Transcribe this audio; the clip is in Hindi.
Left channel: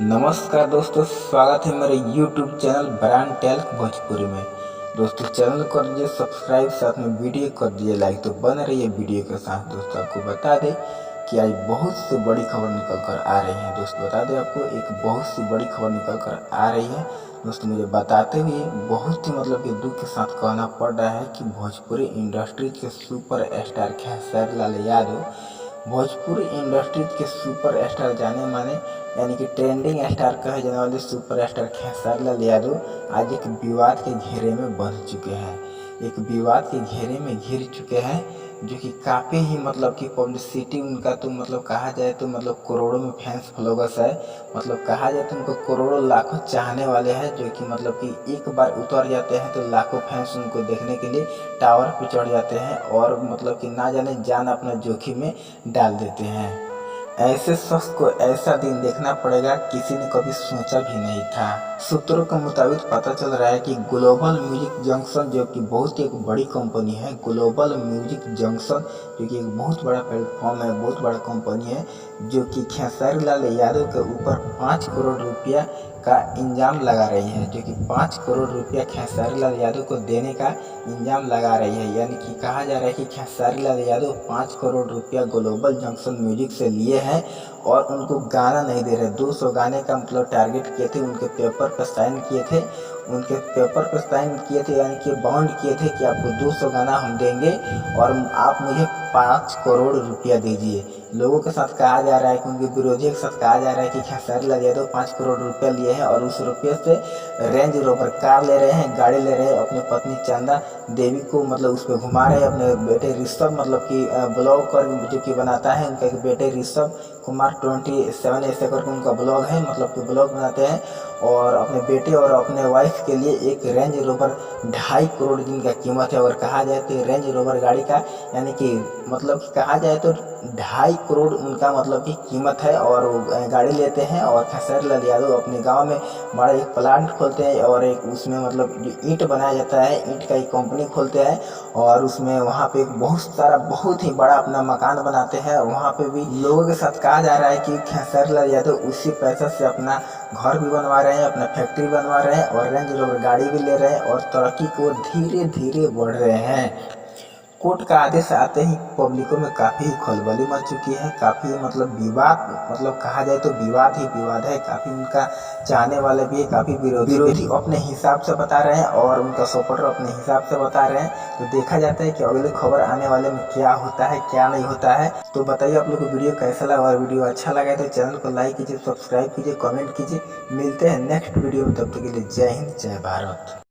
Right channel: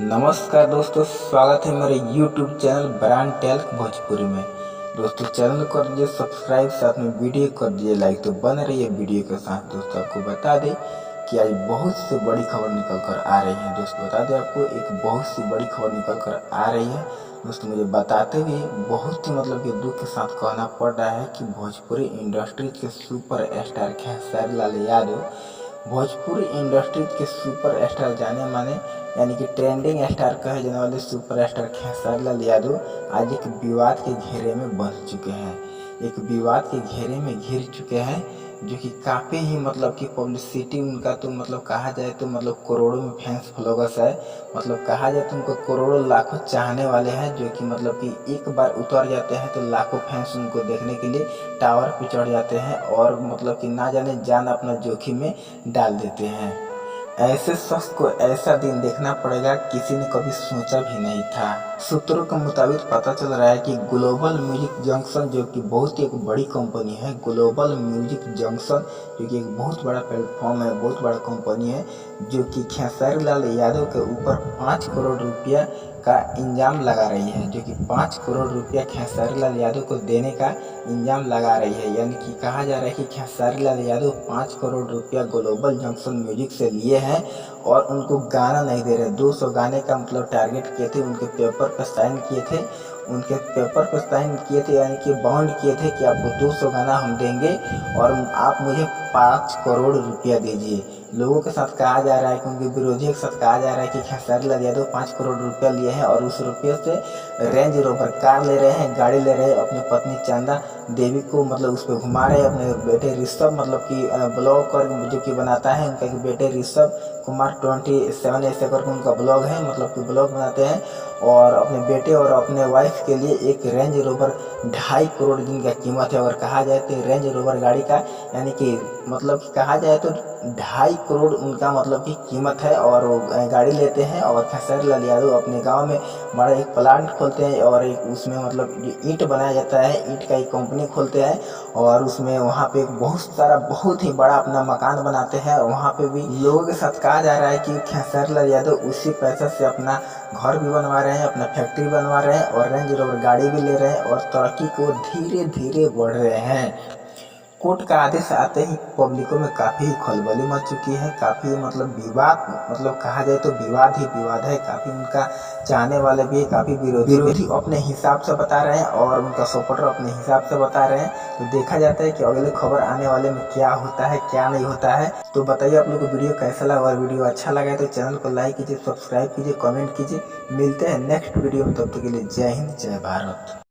नमस्कार दोस्तों, स्वागत है मेरे YouTube channel brand talc Bhojpuri में। दोस्तों चैनल कर दीजिए सब्सक्राइब, साथ में वीडियो कर दीजिए लाइक। तो बने रहिए वीडियो के साथ। दोस्तों आपको बता दें कि आज बहुत सी बड़ी खबर निकल कर आ रही है। दोस्तों बता दें आपको एक बहुत सी बड़ी खबर निकल कर आ रही है। दोस्तों मुझे बताते हुए बहुत ही कि दुख के साथ कहना पड़ रहा है कि भोजपुरी इंडस्ट्री के super star Khesari Lal Yadav, Bhojpuri industry के सुपर स्टार जाने माने यानी कि ट्रेंडिंग स्टार कहे जाने वाले सुपर स्टार खेसारी लाल यादव आज एक विवाद के घेरे में बंध चुके हैं। एक विवाद के घेरे में घिर चुके हैं जो कि काफ़ी ही कि पब्लिसिटी उनका तो कहा जाए तो करोड़ों में फैंस फॉलोवर्स है। कहा जाए तो उनको करोड़ों लाखों चाहने वाले हैं जो कि एक बार उतर जाते हैं तो लाखों फैंस उनको देखने के लिए टावर पे चढ़ जाते हैं और कि ना जाने जान अपना जोखिम में डाल देते हैं। ऐसे शख्स को ऐसा दिन देखना पड़ेगा किसी ने कभी सोचा भी नहीं था। सूत्रों के मुताबिक पता चल रहा है कि ग्लोबल म्यूजिक जंक्शन जो कि बहुत ही एक बड़ी कंपनी है, ग्लोबल म्यूजिक जंक्शन जो कि एक बहुत बड़ा प्लेटफॉर्म है, बहुत बड़ा कंपनी है, जो कि खेसारी लाल यादव के ऊपर 5 करोड़ रुपया का इंजाम लगा रही है, जो कि 5 करोड़ रुपया खेसारी लाल यादव को देने का इंजाम लगा रही है। यानी कि कहा जा रहा है कि खेसारी लाल यादव 5 करोड़ रुपया ग्लोबल जंक्शन म्यूजिक से लिए हैं और उनको गाना नहीं दे रहे। 200 गाने का टारगेट किए थे, उनके पेपर पर साइन किए थे, यानी कि बाउंड किए थे कि आपको 200 गाना हम देंगे और आप मुझे 5 करोड़ रुपया दीजिए। लोगों के साथ कहा जा रहा है कि उनके विरोधियों के साथ कहा जा रहा है कि खेसारी लाल यादव 5 करोड़ रुपया लिए हैं और उस रुपये से रेंज रोवर कार ले रहे हैं, गाड़ी ले रहे हैं, अपनी पत्नी चंदा देवी को उस पर घुमा रहे हैं, अपने बेटे ऋषभ कि ब्लॉग कर जो कि बनाता है उनका कि बेटे ऋषभ कुमार 27 ऐसे करके उनका ब्लॉग है, कि ब्लॉग बनाते हैं और अपने बेटे और अपने वाइफ के लिए एक रेंज रोवर 2.5 करोड़ जिनका कीमत है। अगर कहा जाए तो रेंज रोवर गाड़ी का यानी कि कहा जाए तो 2.5 करोड़ उनका की कीमत है और वो गाड़ी लेते हैं और खेसारी लाल यादव अपने गांव में बड़ा एक प्लांट खोलते हैं और एक उसमें जो ईंट बनाया जाता है, ईंट का एक कंपनी खोलते हैं और उसमें वहाँ पे एक बहुत ही बड़ा अपना मकान बनाते हैं। वहाँ पे भी लोगों के साथ कहा जा रहा है कि खेसारी लाल यादव उसी पैसे से अपना घर भी बनवा रहे हैं, अपना फैक्ट्री बनवा रहे हैं और रेंज रोवर गाड़ी भी ले रहे हैं और तरक्की को धीरे धीरे बढ़ रहे हैं। कोर्ट का आदेश आते ही पब्लिकों में काफ़ी खलबली मच चुकी है, काफ़ी विवाद कहा जाए तो विवाद ही विवाद है। काफ़ी उनका चाहने वाले भी है, काफ़ी विरोधी अपने हिसाब से बता रहे हैं और उनका सपोर्टर अपने हिसाब से बता रहे हैं। तो देखा जाता है कि अगले खबर आने वाले में क्या होता है क्या नहीं होता है। तो बताइए आप लोग को वीडियो कैसा लगा, और वीडियो अच्छा लगा है तो चैनल को लाइक कीजिए, सब्सक्राइब कीजिए, कमेंट कीजिए। मिलते हैं नेक्स्ट वीडियो में, तब तक के लिए जय हिंद जय भारत।